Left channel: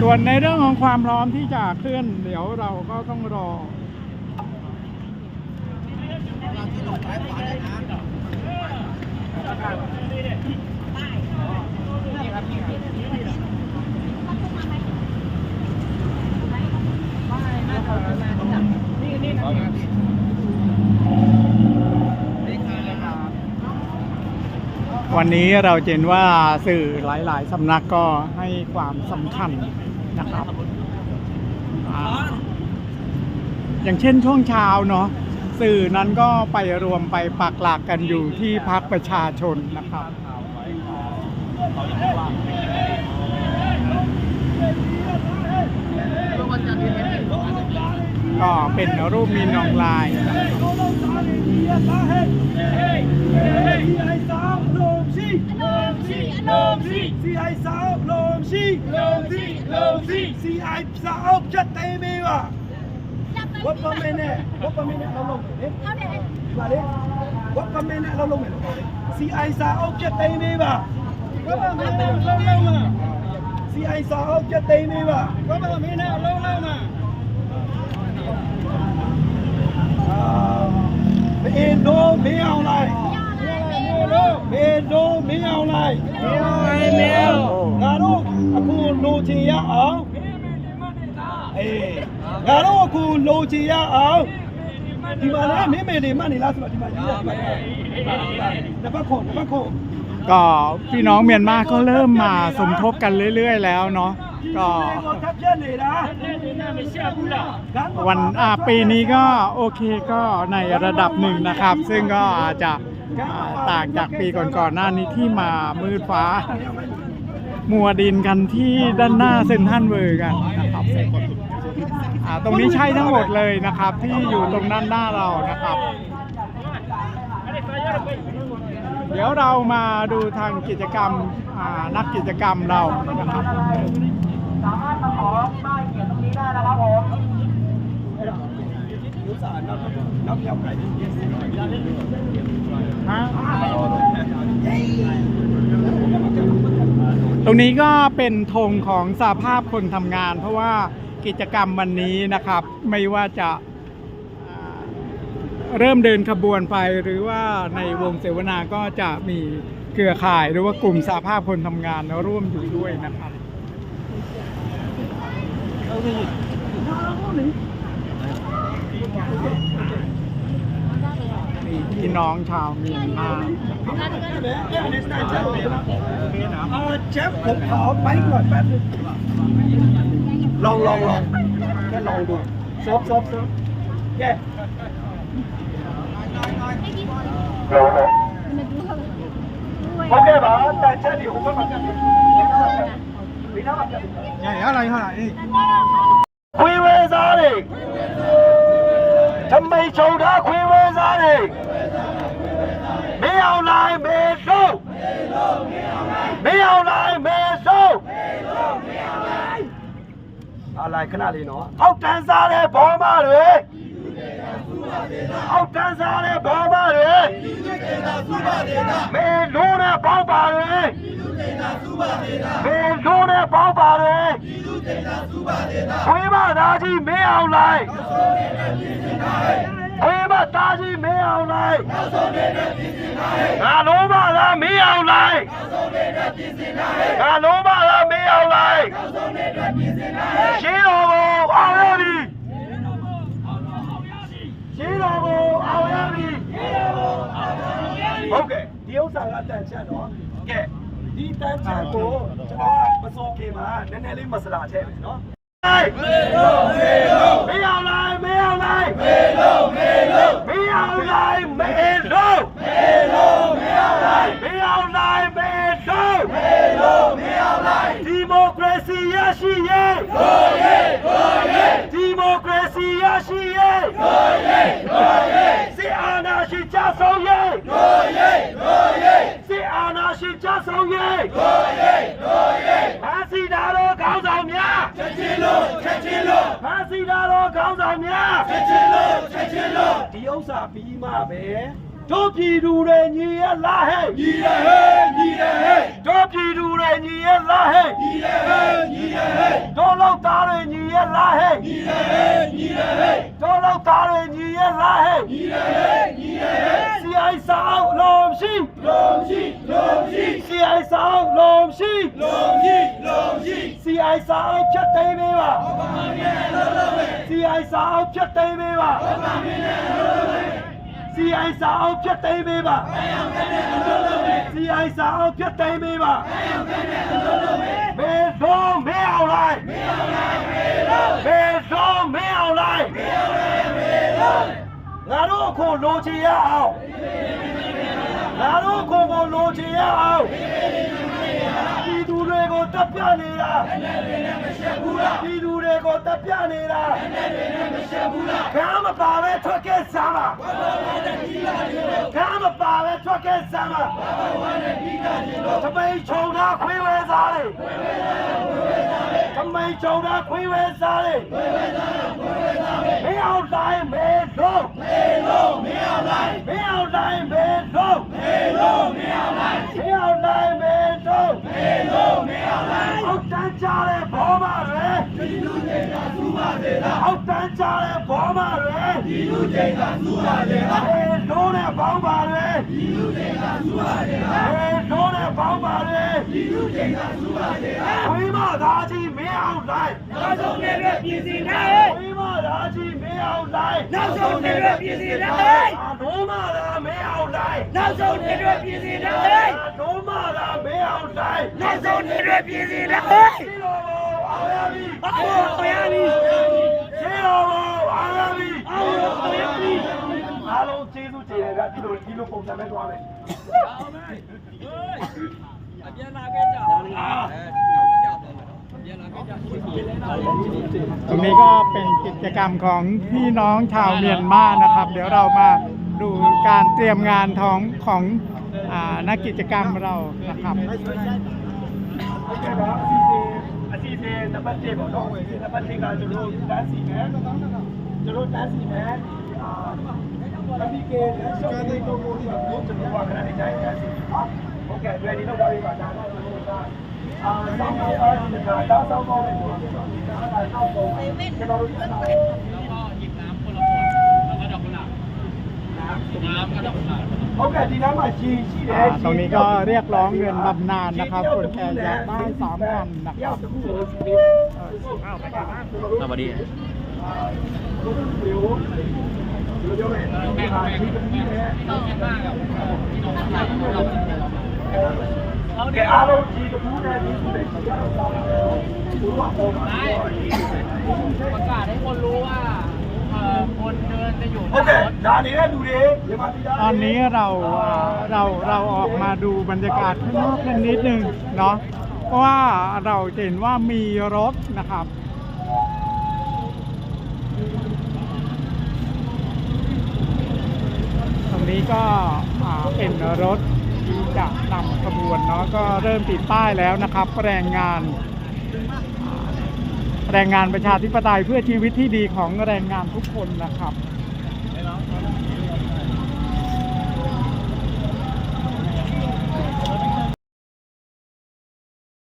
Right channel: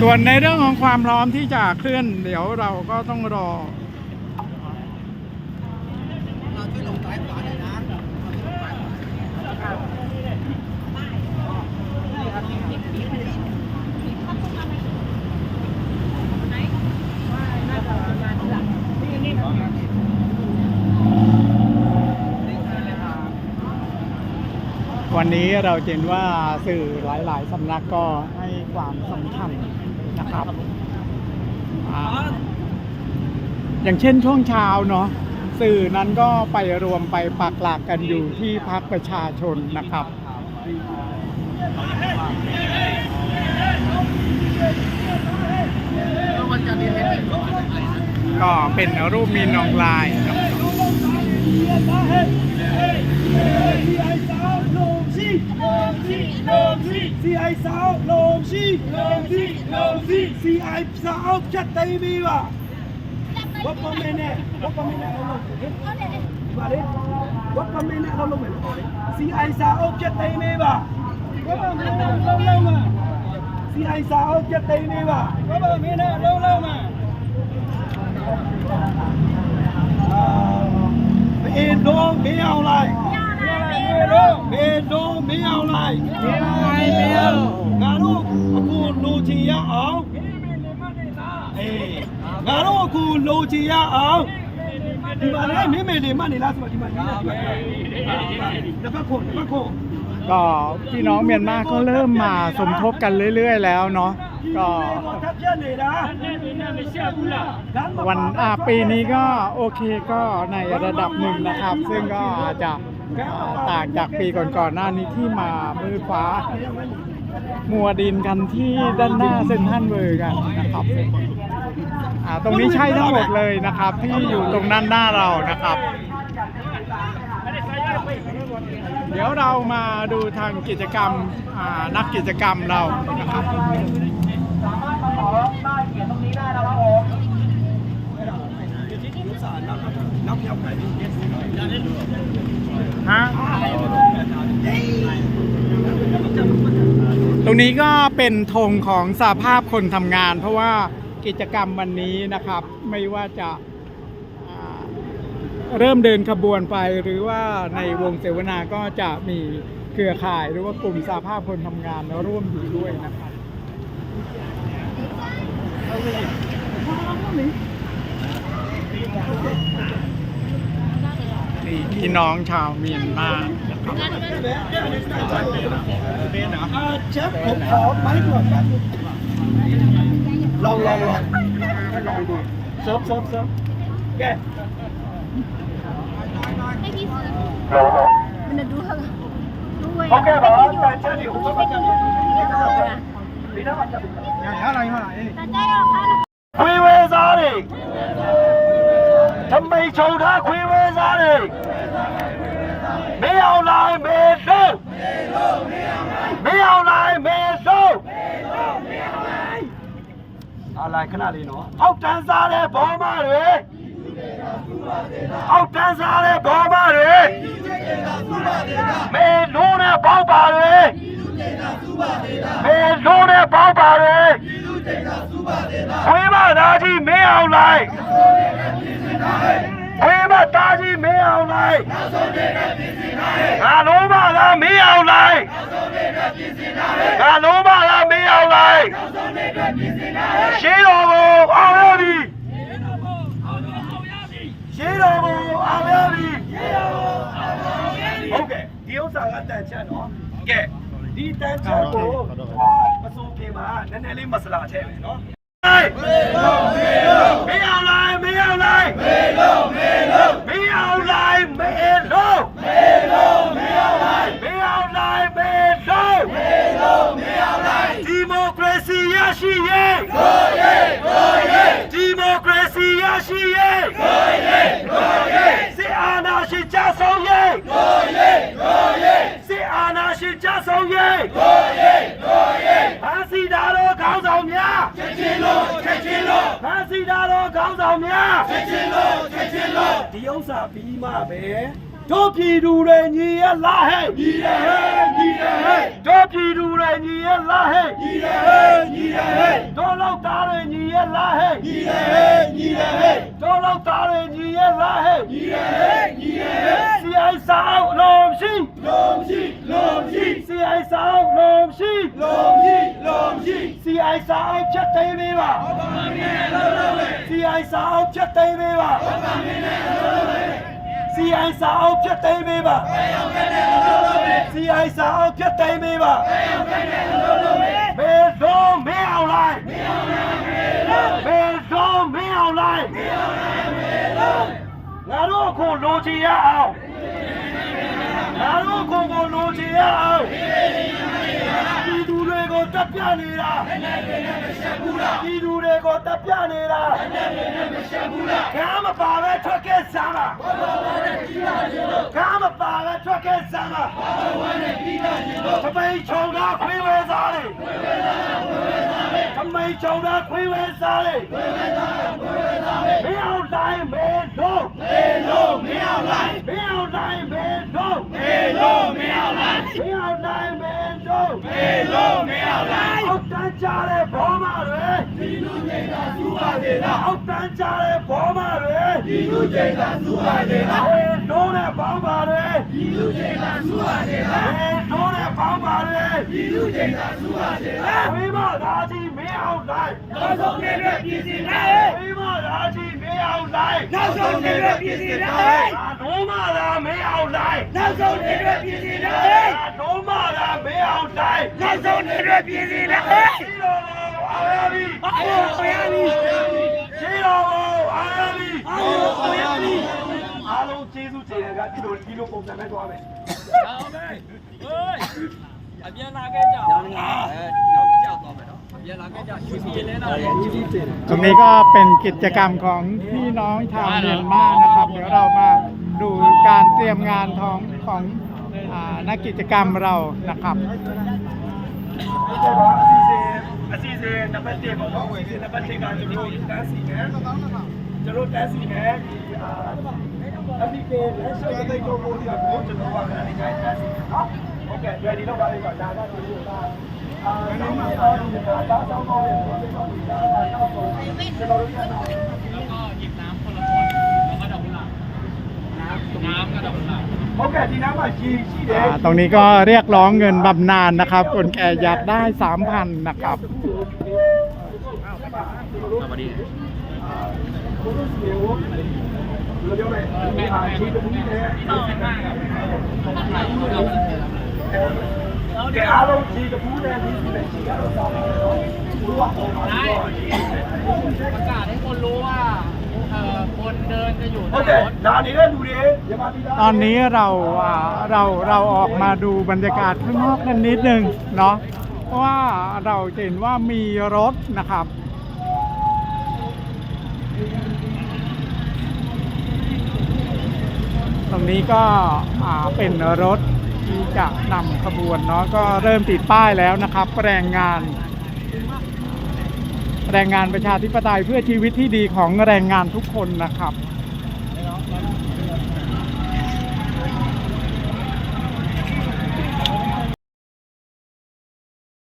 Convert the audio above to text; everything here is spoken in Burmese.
ส่วนในเรื่องของความพร้อมที่จะเคลื่อนเดี๋ยวเราก็ต้องรอวันนี้เราเห็นว่าสื่อหลายๆสำนักก็ให้ความสำคัญนะครับอย่างเช่นช่วงเช้าเนาะสื่อนั้นก็ไปรวมไปปักหลักกันอยู่ที่พรรคประชาชนนะครับก็เป็นรูปมีนออนไลน์ครับCI สาวลงชีCI สาวจะเตะมีวะวัดประเมินเนี่ยเราลงมาเลยวัดประเมินเนี่ยเราลงมาเลย CI สาวจะเตะมีวะวัดประเมินเนี่ยเราลงมา CI สาวจะเตะมีวะวัดประเมินเนี่ยเราลงมาเอ็นโดไม่เอาเลยเอ็นโดไม่เอาเลยงานลูกกูโลจียาเอางานลูกกูโลจียาเอาဒီမှာလည်းမင်းမေလေးမှနေလားဆိုတော့ဒီမှာကြီးတယ်တပတ်ခုก็พี่น้องเมียนมาก็เริ่มมาสมทบกันเรื่อยๆแล้วเนาะก็วันปีนี้ก็โอเคก็ในระดับหนึ่งนะครับซึ่งก็อาจจะต่างจากปีก่อนๆหน้านี้ที่มามืดฟ้ามัวดินกันที่ด้านหน้าเซ็นทรัลเวิลด์กันนะครับตรงนี้ใช่ทั้งหมดเลยนะครับที่อยู่ตรงด้านหน้าเรานะครับเดี๋ยวเรามาดูทางกิจกรรมนักกิจกรรมเรานะครับสามารถมาขอป้ายเขียนตรงนี้ได้นะครับผมตรงนี้ก็เป็นธงของสหภาพคนทำงานเพราะว่ากิจกรรมวันนี้นะครับไม่ว่าจะเริ่มเดินขบวนไปหรือว่าในวงเสวนาก็จะมีเครือข่ายหรือว่ากลุ่มสหภาพคนทำงานร่วมอยู่ด้วยนะครับนี่พี่น้องชาวเมียนมานะครับเชฟผมขอไปก่อนแป๊บนึงลองแค่ลองดูเซิร์ฟแก오케이 봐. 단체리 호감받자. 미나받자. 야라. 회사리. 정말 좋다 회사리. 매운라이 매소. 알라이 그날이 너. 억단사래 범마를.အောက်တန်းစားတဲ့ဘောမတွေမေလုံးနဲ့ပေါက်ပါတွေမေလုံးနဲ့ပေါက်ပါတွေဝေးမသားကြီးမင်းအောင်လိုက်ဝေးမသားကြီးမင်းအောင်လိုက်ငါလုံးမလားမင်းအောင်လိုက်ငါလုံးမလားမင်းအောင်လိုက်ရှင်းတော်ကိုအောင်ရပြီရှင်းတော်ကိုအောင်ရပြီဟုတ်ကဲ့ဒီဥစ္စာကတန်ချက်နော်ကဲဒီတန်ချက်ကိုမစိုးခင်မှာနည်းနည်းလေးမစလာထည့်မယ်နော်မေလုံးမင်းအောင်လိုက်မင်းအောင်လိုက်ဒီမိုကရေစီရရှိရေးဒီမိုကရေစီရရှိရေးစစ်အာဏာရှင်ကြဆုံးရေးစစ်အာဏာရှင်ကြဆုံး ဆုံးရေးတို့ရေးတို့ရေးဖမ်းဆီးတာတော့ခေါင်းဆောင်များချက်ချင်းလို့ဖမ်းဆီးတာတော့ခေါင်းဆောင်များချက်ချင်းလို့ဒီဥစ္စာပြီးမှပဲတို့ပြည်သူတွေညီရလားဟဲ့ညီရဟဲ့တို့ပြည်သူတွေညီရလားဟဲ့ညီရဟဲ့တို့လောက်သားတွေညီရလားဟဲ့ညီရဟဲ့တို့လောက်သားတွေညီရလားဟဲ့ညီရဟဲ့စီအိုင်ဆောင်လုံးရှိစီအိုင်ဆောင်လုံးရှိစီအိုင်ဆောင်ဖြတ်သိမ်းပေးပါစီအိုင်ဆောင်ဖြတ်သိမ်းပေးပါစီအိုင်ဆောင်ဖြတ်သိမ်းပေးပါစီအိုင်ဆောင်ဖြတ်သိမ်းပေးပါမေလုံးမေအောင်လိုက်မေလုံးမေအောင်လိုက်ငါတို့ကိုလိုချင်ရအောင်ငါတို့ကိုလိုချင်ရအောင်ပြည်သူတွေကိုတပ်ပြနေတာပြည်သူတွေကိုတပ်ပြနေတာကာမပါပဲထွက်ခဲ့စမ်းပါကာမပါပဲထွက်ခဲ့စမ်းပါတပိန်ချုံတာခွေးဝဲစားလေတမိန်ချုံတာခွေးဝဲစားလေမင်းအောင်တိုင်းမဲလုံးမင်းအောင်တိုင်းမဲလုံးအောက်တန်းကြတဲ့ဘောမတွေဒီလူတွေကစူပါသေးလားအောက်တန်းကြတဲ့ဘောမတွေဒီလူတွေကစူပါသေးလားတို့နဲ့ပေါင်းပါလေဒီလူတွေကစူပါသေးလားတို့နဲ့ပေါင်းပါလေဒီလူတွေကစူပါသေးလားဝိမသားကြီးမင်းအောင်တိုင်းနောက်ဆုံးနေတဲ့ပြည်စီနဲ့ဝိမသားကြီးမင်းအောင်တိုင်းနောက်ဆုံးနေတဲ့ပြည်စီနဲ့တို့မသာမင်းအောင်တိုင်းနောက်ဆုံးနေတဲ့ပြည်စီနဲ့တို့မသာမင်းအောင်တိုင်းနောက်ဆုံးနေတဲ့ပြည်စီနဲ့ရှိတော်အားရပြီရှိတော်အားရပြီအားလုံးကျေးဇူးတင်တယ်ကဒီလိုပုံစံနဲ့သွားမယ်အပြန်လာခဲ့ကြနောက်ကြောက်တော့မယ်ပြန်လာခဲ့ကြရှိစီရဲလာတယ်ကျေးဇူးတင် ตรงนี้ก็เป็นกิจกรรมของพี่น้องชาวเมียนมานะครับ เดี๋ยวเรามาดูการเตรียมงานของนักกิจกรรมเรานะครับ အစီအစဉ်နံပါတ်1ပေါ့နော်။နံပါတ်1ကကျွန်တော်တို့တန်းစီမယ်။ကျွန်တော်တန်းစီမယ်ဒီFPK လက်ရှော့တဲ့ကိုကိုကြီးကကျွန်တော်ကလည်းအကြိုက်တန်းစီနော်။ Okay ready တော့ပါပြီပါဒါကကျွန်တော်ကဆောင်းပါးဒါဆောင်းပါးတဲ့ကျွန်တော်ဒီဒါကတော့ကျွန်တော်တို့ကတော့ แล้วก็หยิบน้ำคนละขวดแล้วก็ดอกกุหลาบน้ำกับดอกกุหลาบ ဟုတ်ကဲ့ဒီနားမှာရှိတယ် ตรงนี้ก็เรียกร้องเงินบำนาญนะครับ คนแก่อยากได้ 3,000 นะครับ สวัสดี ကဲအားလုံးဒီတပူးနဲ့ဒီစုတွေရှိကြတော့ ประกาศให้คนรู้ว่าคนเดินจะอยู่ ဟုတ်ကဲ့ဒါနေတဲ့လူတွေမြန်မာပြည်သား ตอนนี้เราออกมาดูบรรยากาศข้างนอกกันนิดนึงเนาะเพราะว่าเราจะเห็นว่ามีรถนะครับ ตรงนี้ก็เป็นรถที่จะนำขบวนเนาะก็เริ่มติดป้ายแล้วนะครับแรงงานประชาธิปไตยเพื่อชีวิตที่ดีของแรงงานทุกคนนะครับ